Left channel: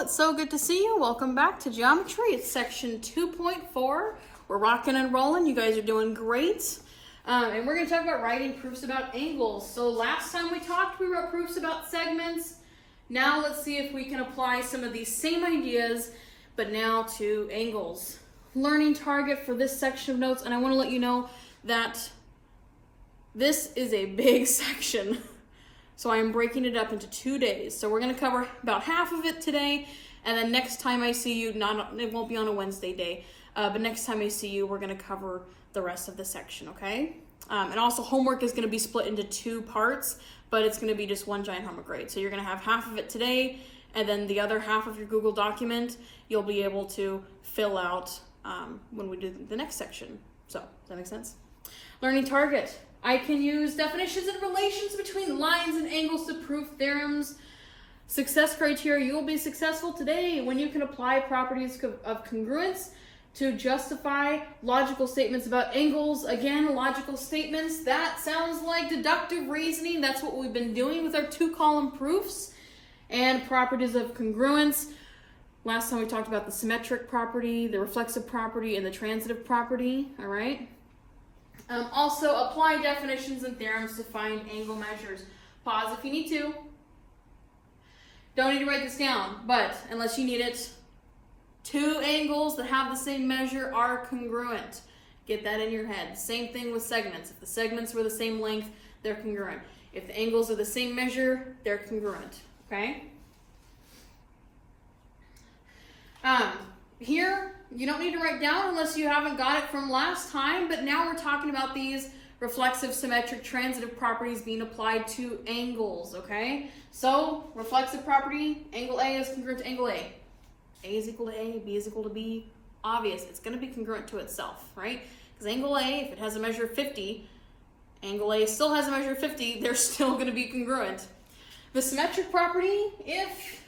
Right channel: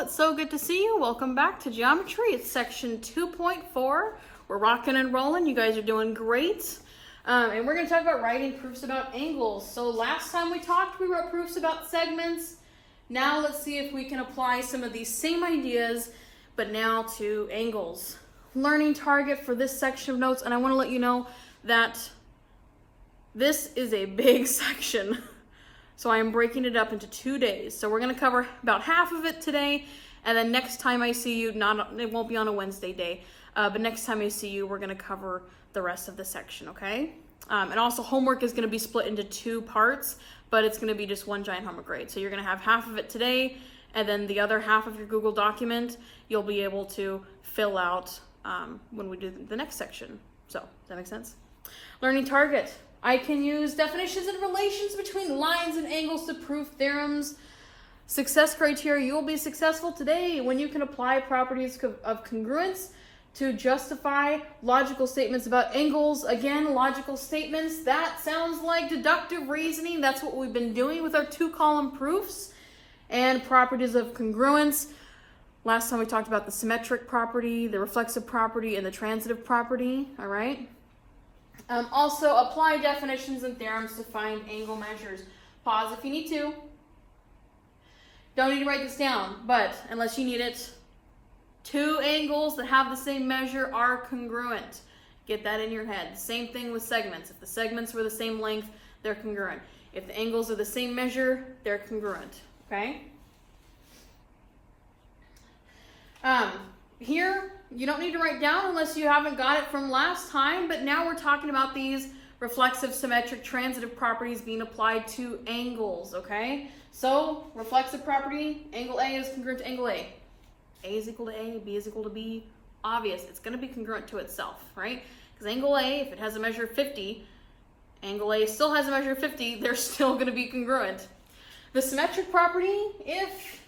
it's so good to see you. Welcome back to geometry. It's section 2.4. We're rocking and rolling. You guys are doing great. And we're going to talk about writing proofs about angles. So last time we talked, we wrote proofs about segments. Now let's see if we can apply some of these same ideas, but now to angles. Learning target for this section of notes, and I want to let you know that this is a big section. So I am breaking it up into 2 days. So we're going to cover about half of it today, and then next time I see you, it won't be on a Wednesday day, but next time I see you, we're going to cover the rest of the section, okay? And also homework is going to be split into 2 parts, but it's going to be just one giant homework grade. So you're going to have half of it today, and then the other half of your Google document, you'll be able to fill out when we do the next section. So, does that make sense? Learning target. I can use definitions and relations between lines and angles to prove theorems. Success criteria. You will be successful today when you can apply properties of congruence to justify logical statements about angles. Again, logical statements. That sounds like deductive reasoning. That's what we've been doing with our 2-column proofs. And properties of congruence. Last time we talked about the symmetric property, the reflexive property, and the transitive property. All right. Also, apply definitions and theorems to find angle measures. Pause if you need to. Don't need to write this down, but unless you need it, 2 angles that have the same measure are congruent. Get that in your head. Same thing with segments. If the segments were the same length, they're congruent. If the angles are the same measure, they're congruent. Okay? Here, you don't need to write down unless you haven't got it from last time, but now we're talking about these reflexive, symmetric, transitive properties being applied to angles, okay? So, reflexive property, angle A is congruent to angle A. A is equal to A, B is equal to B. Obvious, it's going to be congruent to itself, right? Because angle A, if it has a measure of 50, angle A still has a measure of 50, they're still going to be congruent. The symmetric property, if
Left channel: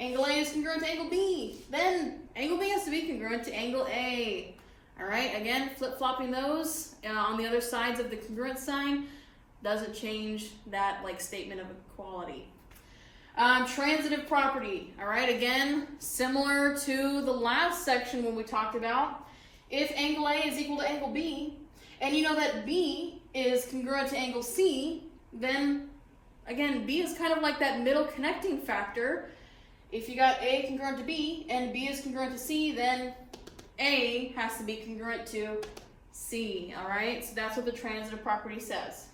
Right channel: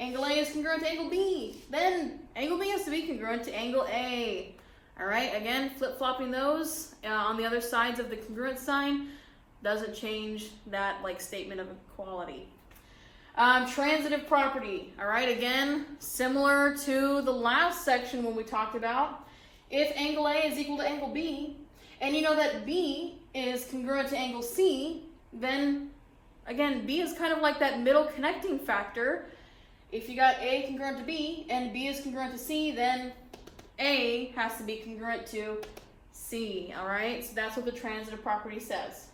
angle A is congruent to angle B, then angle B has to be congruent to angle A. All right, again, flip-flopping those on the other sides of the congruent sign doesn't change that statement of equality. Transitive property, all right, again, similar to the last section when we talked about, if angle A is equal to angle B, and you know that B is congruent to angle C, then, again, B is kind of like that middle connecting factor. If you got A congruent to B and B is congruent to C, then A has to be congruent to C, all right? So that's what the transitive property says.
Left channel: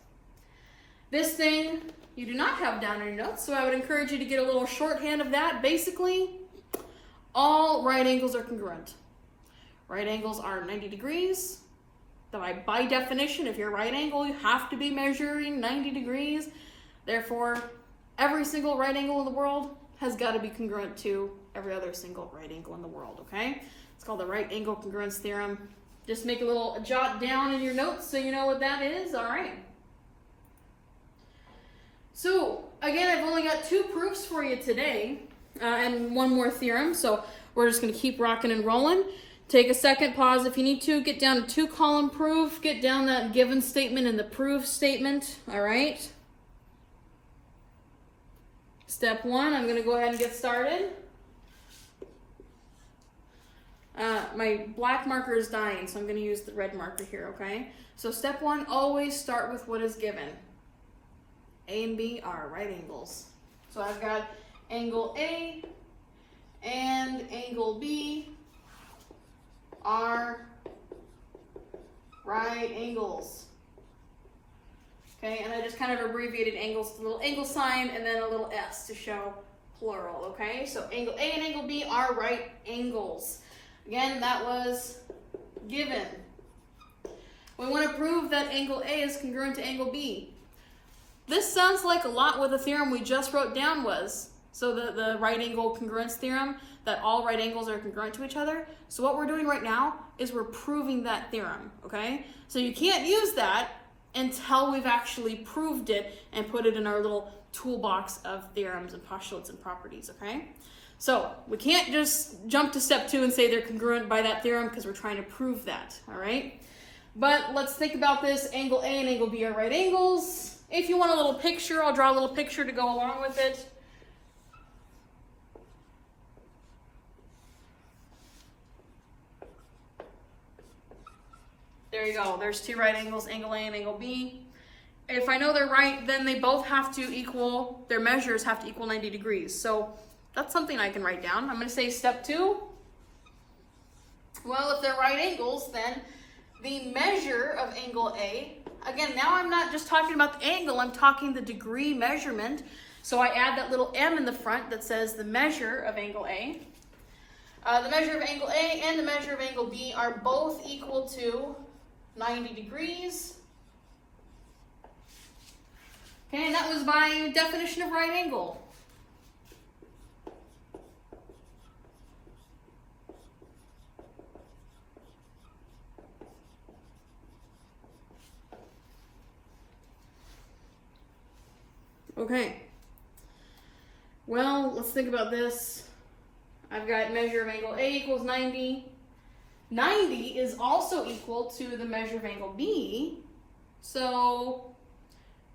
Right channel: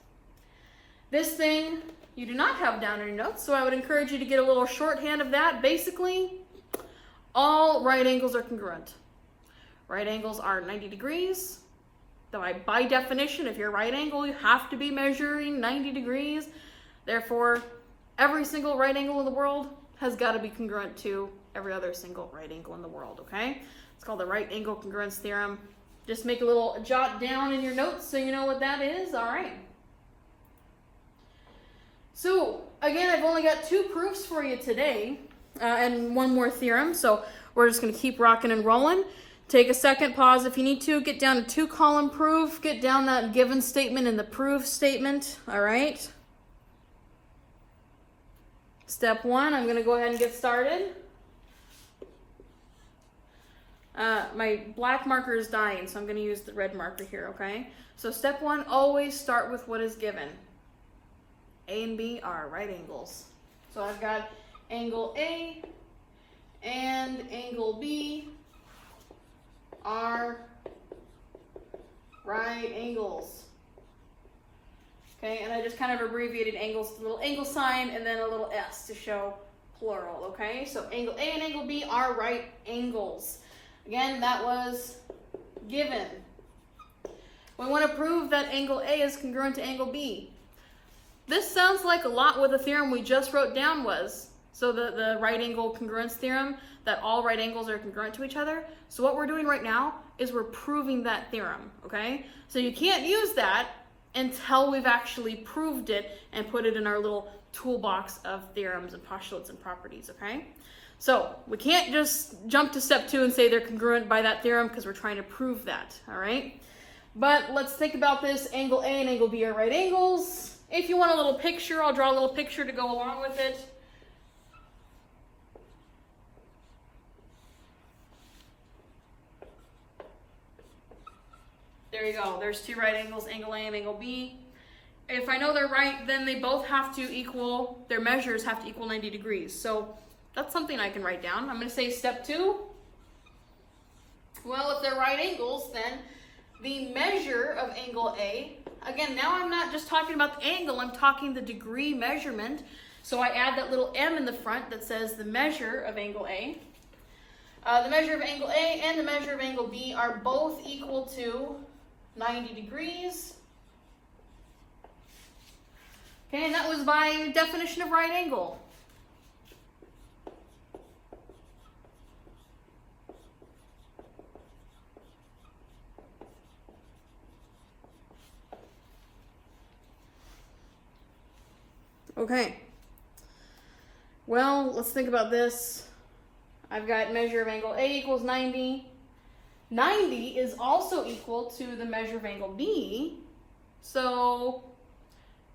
This thing you do not have down in your notes, so I would encourage you to get a little shorthand of that. Basically, all right angles are congruent. Right angles are 90 degrees. By definition, if you're a right angle, you have to be measuring 90 degrees. Therefore, every single right angle in the world has got to be congruent to every other single right angle in the world, okay? It's called the right angle congruence theorem. Just make a little jot down in your notes so you know what that is, all right? So, again, I've only got 2 proofs for you today and 1 more theorem, so we're just going to keep rocking and rolling. Take a second, pause if you need to, get down to 2-column proof, get down that given statement and the proof statement, all right? Step 1, I'm going to go ahead and get started. My black marker is dying, so I'm going to use the red marker here, okay? So step 1, always start with what is given. A and B are right angles. So I've got angle A and angle B are right angles. Okay, and I just kind of abbreviated angles to a little angle sign and then a little S to show plural, okay? So angle A and angle B are right angles. Again, that was given. We want to prove that angle A is congruent to angle B. This sounds like a lot what the theorem we just wrote down was. So the right angle congruence theorem, that all right angles are congruent to each other. So what we're doing right now is we're proving that theorem, okay? So you can't use that until we've actually proved it and put it in our little toolbox of theorems and postulates and properties, okay? So we can't just jump to step 2 and say they're congruent by that theorem because we're trying to prove that, all right? But let's think about this. Angle A and angle B are right angles. If you want a little picture, I'll draw a little picture to go along with it. There you go. There's two right angles, angle A and angle B. If I know they're right, then they both have to equal, their measures have to equal 90 degrees. So that's something I can write down. I'm going to say step 2. Well, if they're right angles, then the measure of angle A, again, now I'm not just talking about the angle, I'm talking the degree measurement. So I add that little m in the front that says the measure of angle A. The measure of angle A and the measure of angle B are both equal to 90 degrees. Okay, and that was by definition of right angle. Okay. Well, let's think about this. I've got measure of angle A equals 90. 90 is also equal to the measure of angle B. So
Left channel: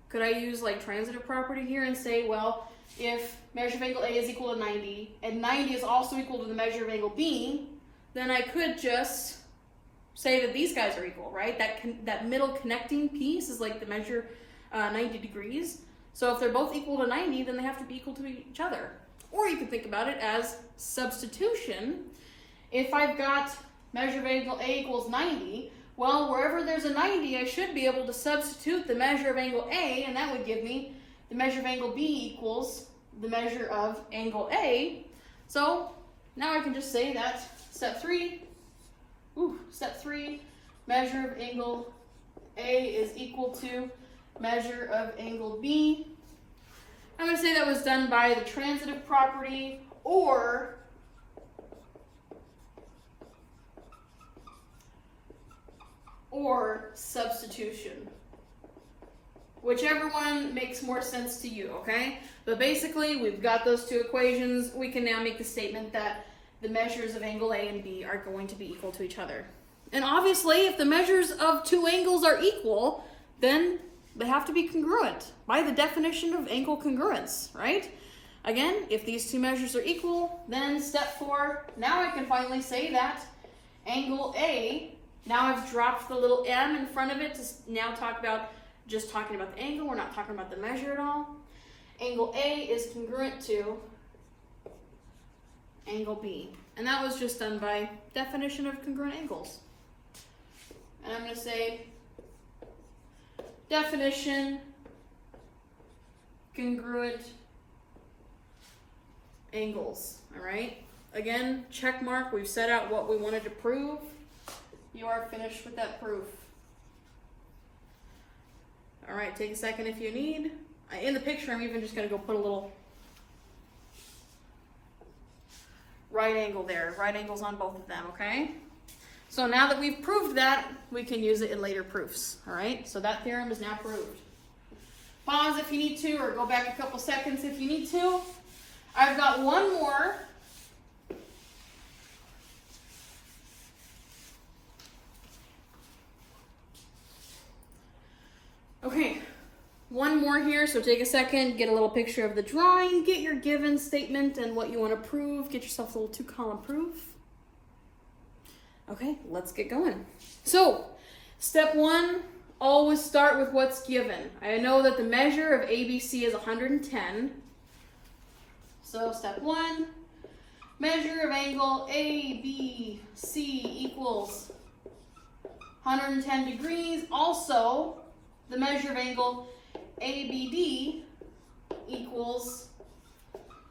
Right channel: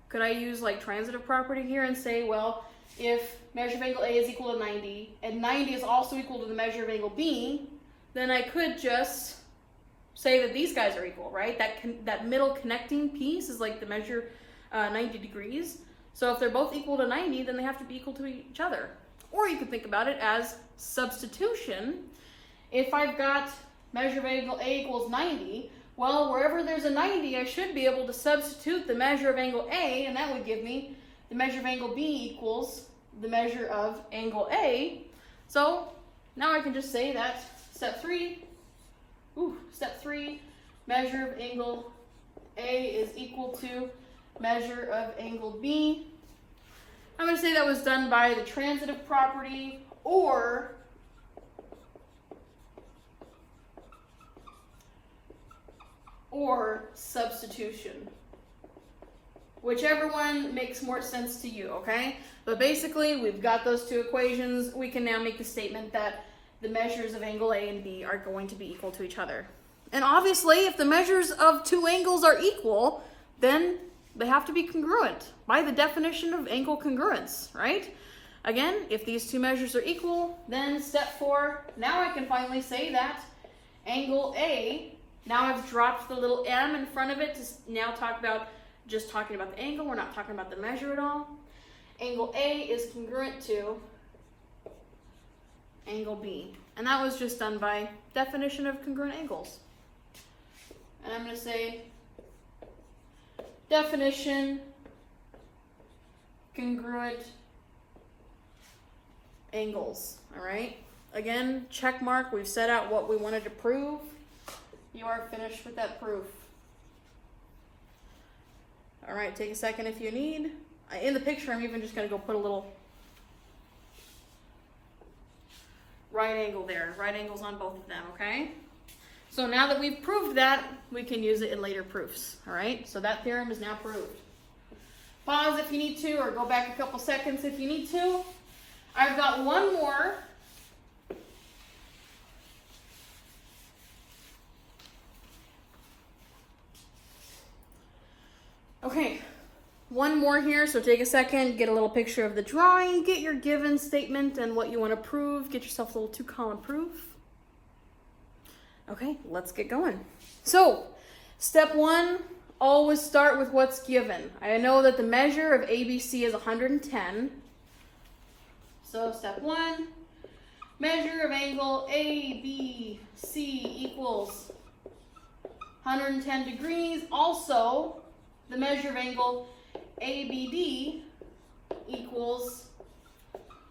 could I use like transitive property here and say, well, if measure of angle A is equal to 90 and 90 is also equal to the measure of angle B, then I could just say that these guys are equal, right? That middle connecting piece is like the measure 90 degrees. So if they're both equal to 90, then they have to be equal to each other. Or you could think about it as substitution. If I've got measure of angle A equals 90, well, wherever there's a 90, I should be able to substitute the measure of angle A, and that would give me the measure of angle B equals the measure of angle A. So now I can just say that step 3, measure of angle A is equal to measure of angle B. I'm going to say that was done by the transitive property or substitution. Whichever one makes more sense to you, okay? But basically, we've got those two equations. We can now make the statement that the measures of angle A and B are going to be equal to each other. And obviously, if the measures of two angles are equal, then they have to be congruent by the definition of angle congruence, right? Again, if these two measures are equal, then step 4, now I can finally say that angle A, now I've dropped the little m in front of it to now talking about the angle. We're not talking about the measure at all. Angle A is congruent to angle B. And that was just done by definition of congruent angles. And I'm going to say definition congruent angles. All right. Again, check mark. We've set out what we wanted to prove. You are finished with that proof. All right. Take a second if you need. In the picture, I'm even just going to go put a little right angle there. Right angles on both of them. Okay. So now that we've proved that, we can use it in later proofs, all right? So that theorem is now proved. Pause if you need to, or go back a couple seconds if you need to. I've got one more. Okay, one more here, so take a second, get a little picture of the drawing, get your given statement and what you want to prove, get yourself a little 2-column proof. Okay, let's get going. So, step 1, always start with what's given. I know that the measure of ABC is 110. So, step 1, measure of angle ABC equals 110 degrees. Also, the measure of angle ABD equals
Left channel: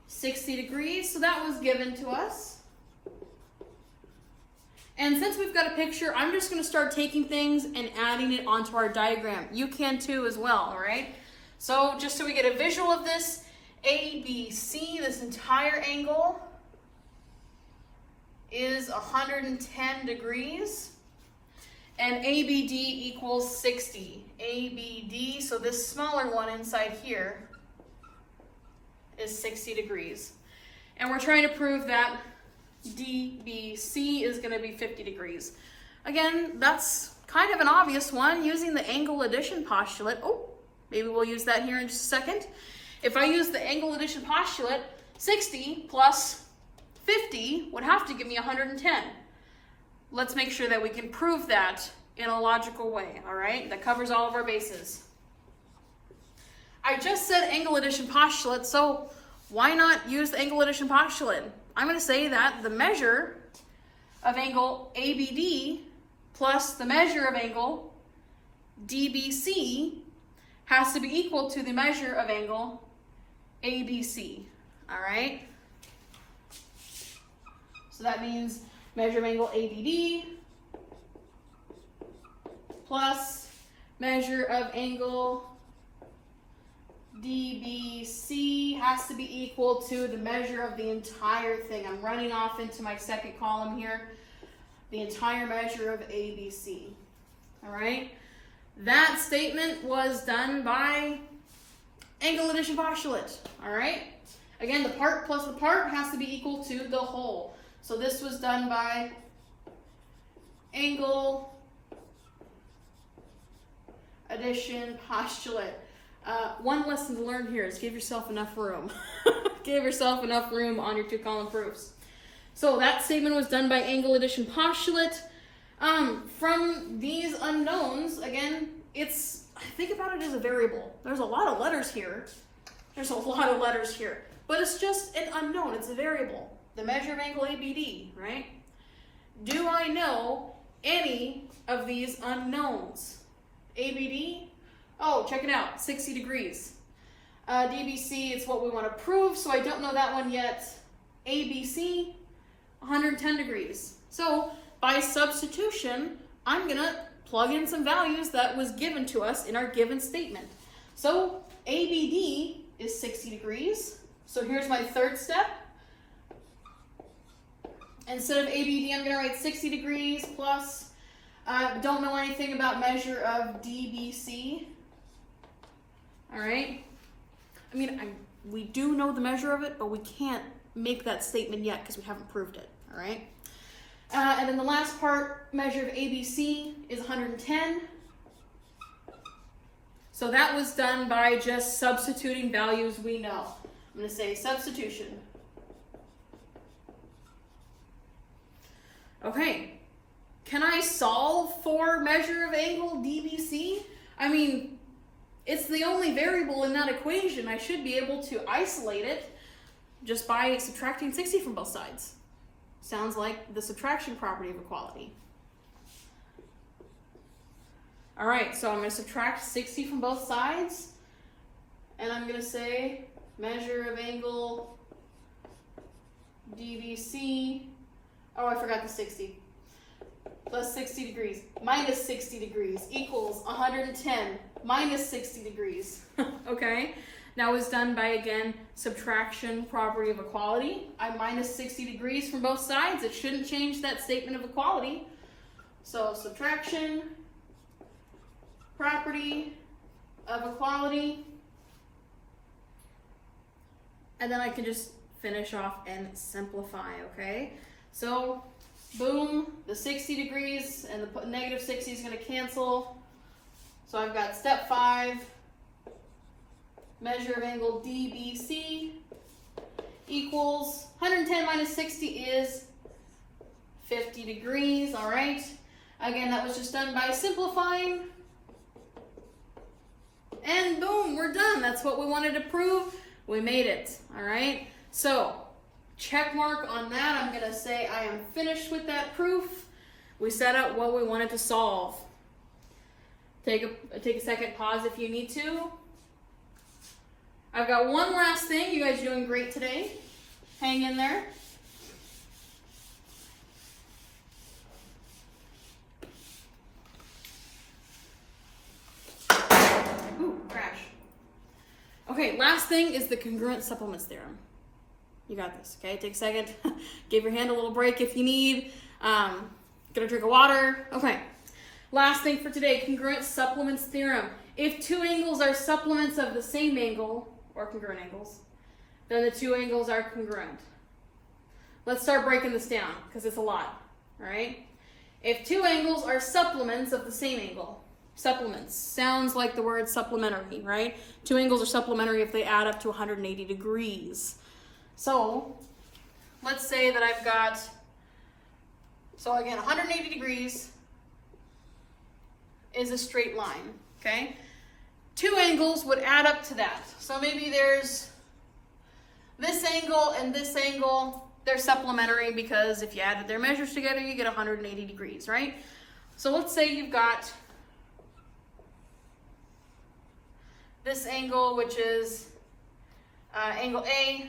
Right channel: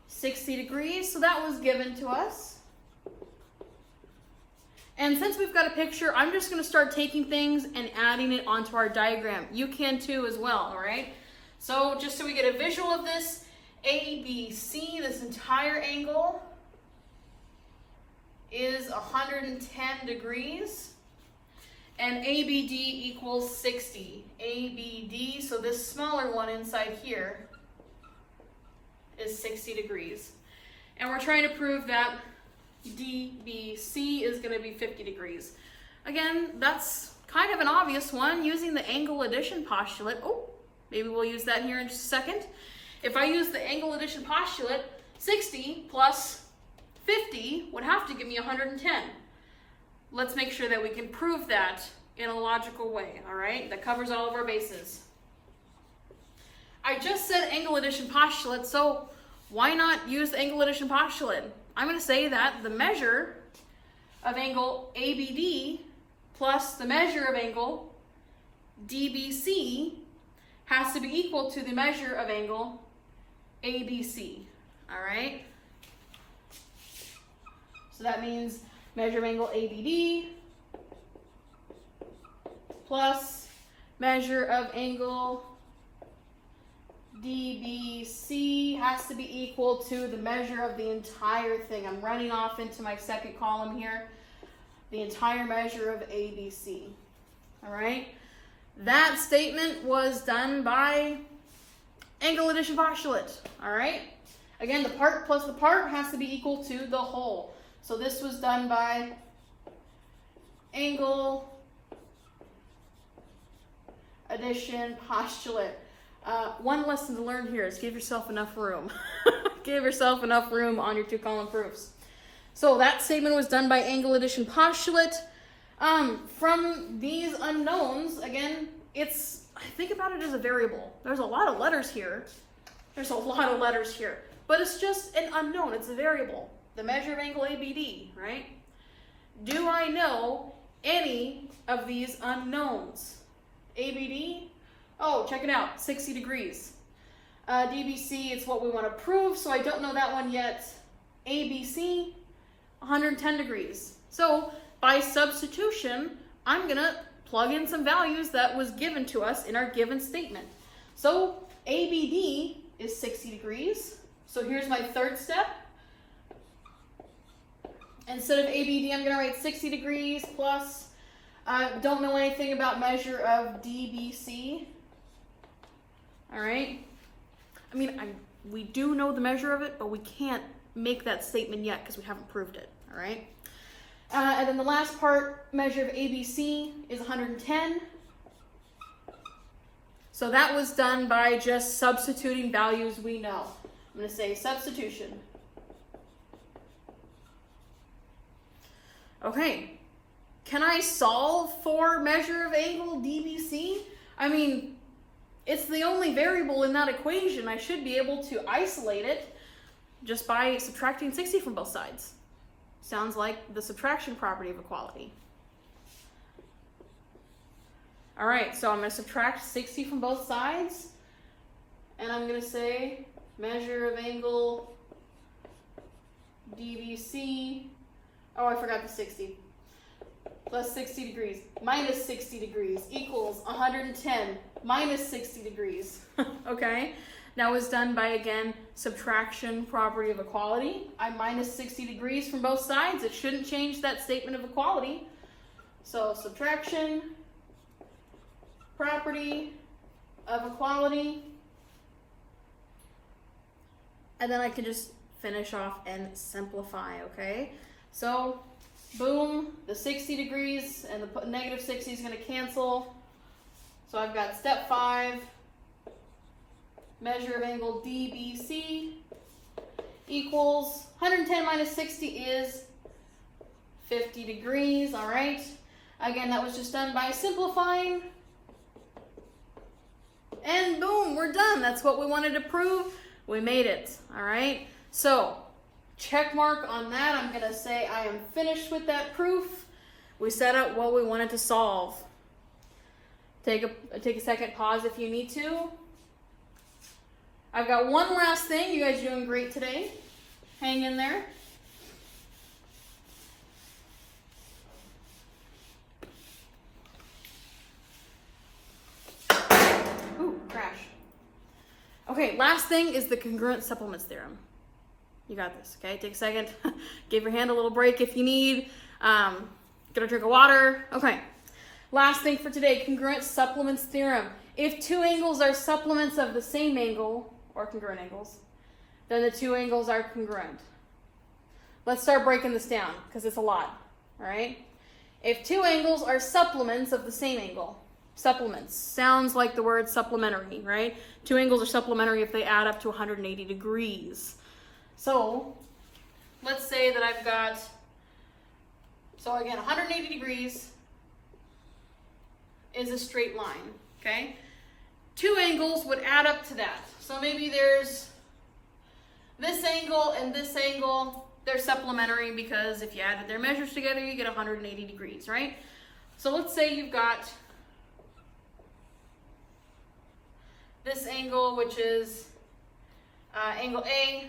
60 degrees. So that was given to us. And since we've got a picture, I'm just going to start taking things and adding it onto our diagram. You can too as well, all right? So just so we get a visual of this, ABC, this entire angle, is 110 degrees. And ABD equals 60. ABD, so this smaller one inside here, is 60 degrees. And we're trying to prove that DBC is going to be 50 degrees. Again, that's kind of an obvious one using the angle addition postulate. Oh, maybe we'll use that here in just a second. If I use the angle addition postulate, 60 plus 50 would have to give me 110. Let's make sure that we can prove that in a logical way, all right? That covers all of our bases. I just said angle addition postulate, so why not use the angle addition postulate? I'm going to say that the measure of angle ABD plus the measure of angle DBC has to be equal to the measure of angle ABC, all right? So that means measure of angle ABD plus measure of angle DBC has to be equal to the measure of the entire thing. I'm running off into my second column here. The entire measure of ABC. All right? That statement was done by angle addition postulate. All right? Again, the part plus the part has to be equal to the whole. So this was done by angle addition postulate. One lesson to learn here is give yourself enough room. Give yourself enough room on your 2-column proofs. So that statement was done by angle addition postulate. From these unknowns, again, think about it as a variable. There's a lot of letters here. But it's just an unknown. It's a variable. The measure of angle ABD, right? Do I know any of these unknowns? ABD? Oh, check it out, 60 degrees. DBC, it's what we want to prove, so I don't know that one yet. ABC, 110 degrees. So by substitution, I'm going to plug in some values that was given to us in our given statement. So ABD is 60 degrees. So here's my third step. Instead of ABD, I'm going to write 60 degrees plus, don't know anything about measure of DBC. All right. I mean, we do know the measure of it, but we can't make that statement yet because we haven't proved it. All right. And then the last part, measure of ABC is 110. So that was done by just substituting values we know. I'm going to say substitution. Okay. Can I solve for measure of angle DBC? I mean, it's the only variable in that equation. I should be able to isolate it just by subtracting 60 from both sides. Sounds like the subtraction property of equality. All right, so I'm going to subtract 60 from both sides, and I'm going to say measure of angle DBC. Oh, I forgot the 60. Plus 60 degrees minus 60 degrees equals 110 minus 60 degrees. Okay, that was done by, again, subtraction property of equality. I minus 60 degrees from both sides. It shouldn't change that statement of equality. So subtraction property of equality. And then I can just finish off and simplify, okay? So boom, the 60 degrees and the negative 60 is going to cancel. So I've got step 5, measure of angle DBC equals 110 minus 60 is 50 degrees, all right? Again, that was just done by simplifying. And boom, we're done. That's what we wanted to prove. We made it, all right? So check mark on that. I'm going to say I am finished with that proof. We set out what we wanted to solve. Take a second, pause if you need to. I've got one last thing. You guys are doing great today. Hang in there. Ooh, crash. Okay, last thing is the congruent supplements theorem. You got this, okay? Take a second. Give your hand a little break if you need. Get a drink of water. Okay. Last thing for today, congruent supplements theorem. If two angles are supplements of the same angle, or congruent angles, then the two angles are congruent. Let's start breaking this down, because it's a lot, all right? If two angles are supplements of the same angle, supplements, sounds like the word supplementary, right? Two angles are supplementary if they add up to 180 degrees. So, let's say that I've got, so again, 180 degrees, is a straight line, okay? Two angles would add up to that. So maybe there's this angle and this angle. They're supplementary because if you added their measures together, you get 180 degrees, right? So let's say you've got this angle, which is angle A,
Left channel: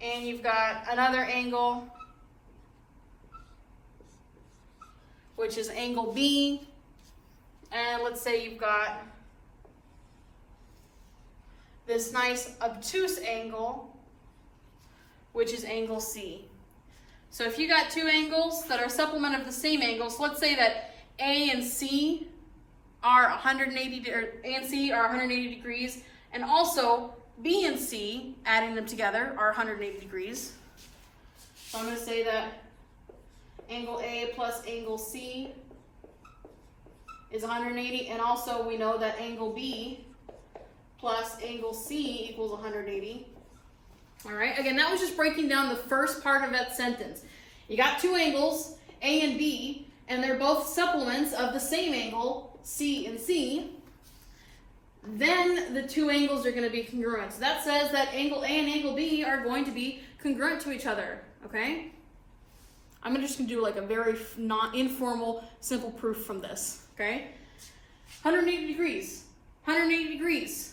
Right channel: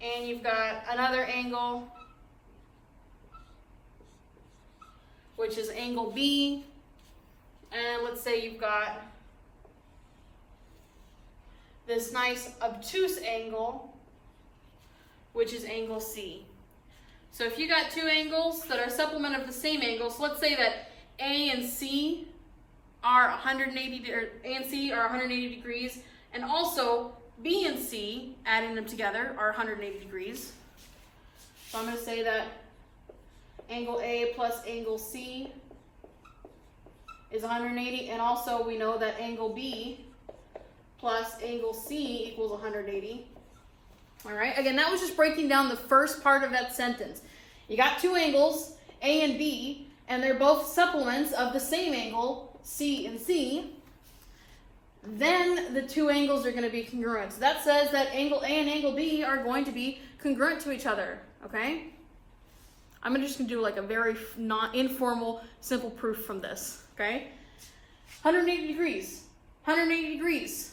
and you've got another angle, which is angle B, and let's say you've got this nice obtuse angle, which is angle C. So if you got two angles that are supplement of the same angle, so let's say that A and C are 180 degrees, and also B and C, adding them together, are 180 degrees. So I'm going to say that angle A plus angle C is 180, and also we know that angle B plus angle C equals 180. All right, again, that was just breaking down the first part of that sentence. You got two angles, A and B, and they're both supplements of the same angle, C and C. Then the two angles are going to be congruent. So that says that angle A and angle B are going to be congruent to each other, okay? I'm just going to do like a very informal, simple proof from this, okay? 180 degrees, 180 degrees.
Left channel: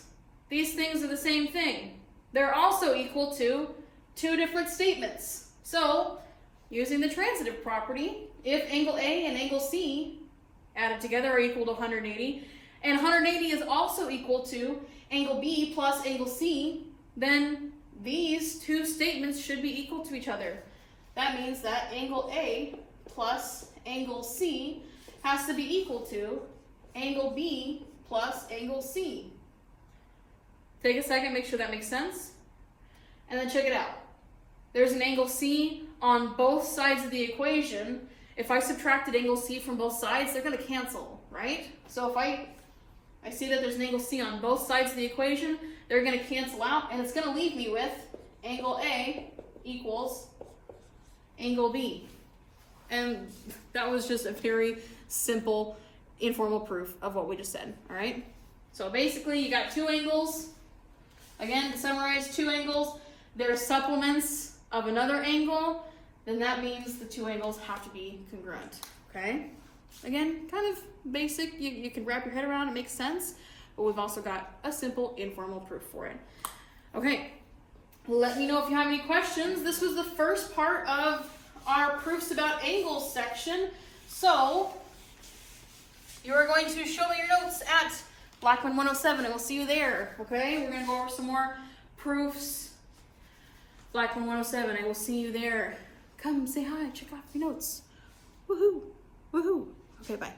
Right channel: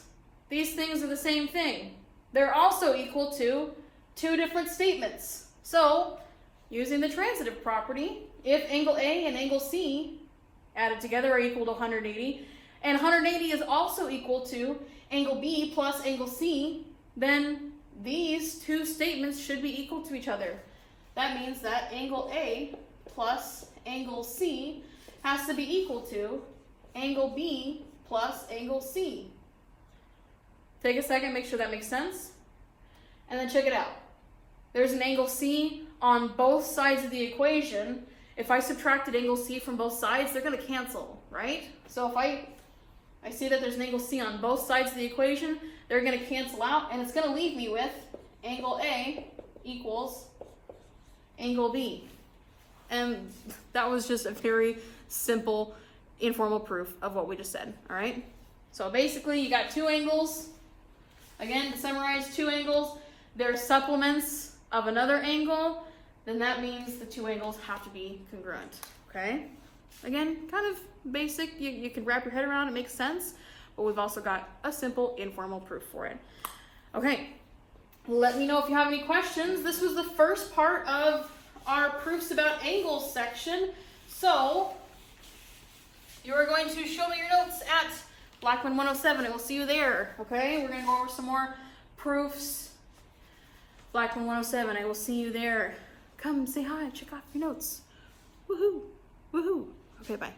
These things are the same thing. They're also equal to two different statements. So, using the transitive property, if angle A and angle C added together are equal to 180, and 180 is also equal to angle B plus angle C, then these two statements should be equal to each other. That means that angle A plus angle C has to be equal to angle B plus angle C. Take a second, make sure that makes sense. And then check it out. There's an angle C on both sides of the equation. If I subtracted angle C from both sides, they're going to cancel, right? So if I see that there's an angle C on both sides of the equation, they're going to cancel out, and it's going to leave me with angle A equals angle B. And that was just a very simple, informal proof of what we just said, all right? So basically, you got two angles. Again, to summarize, two angles, they're supplements of another angle, then that means the two angles have to be congruent, okay? Again, kind of basic, you can wrap your head around, it makes sense, but we've also got a simple, informal proof for it. Okay, let me know if you have any questions. This was the first part of our proofs about angles section, so you are going to show me your notes at Blackman 107, and we'll see you there, okay? We're going to go over some more proofs. Blackman 107, I will see you there. Come say hi, check off your notes. Woohoo, woohoo. Okay, bye.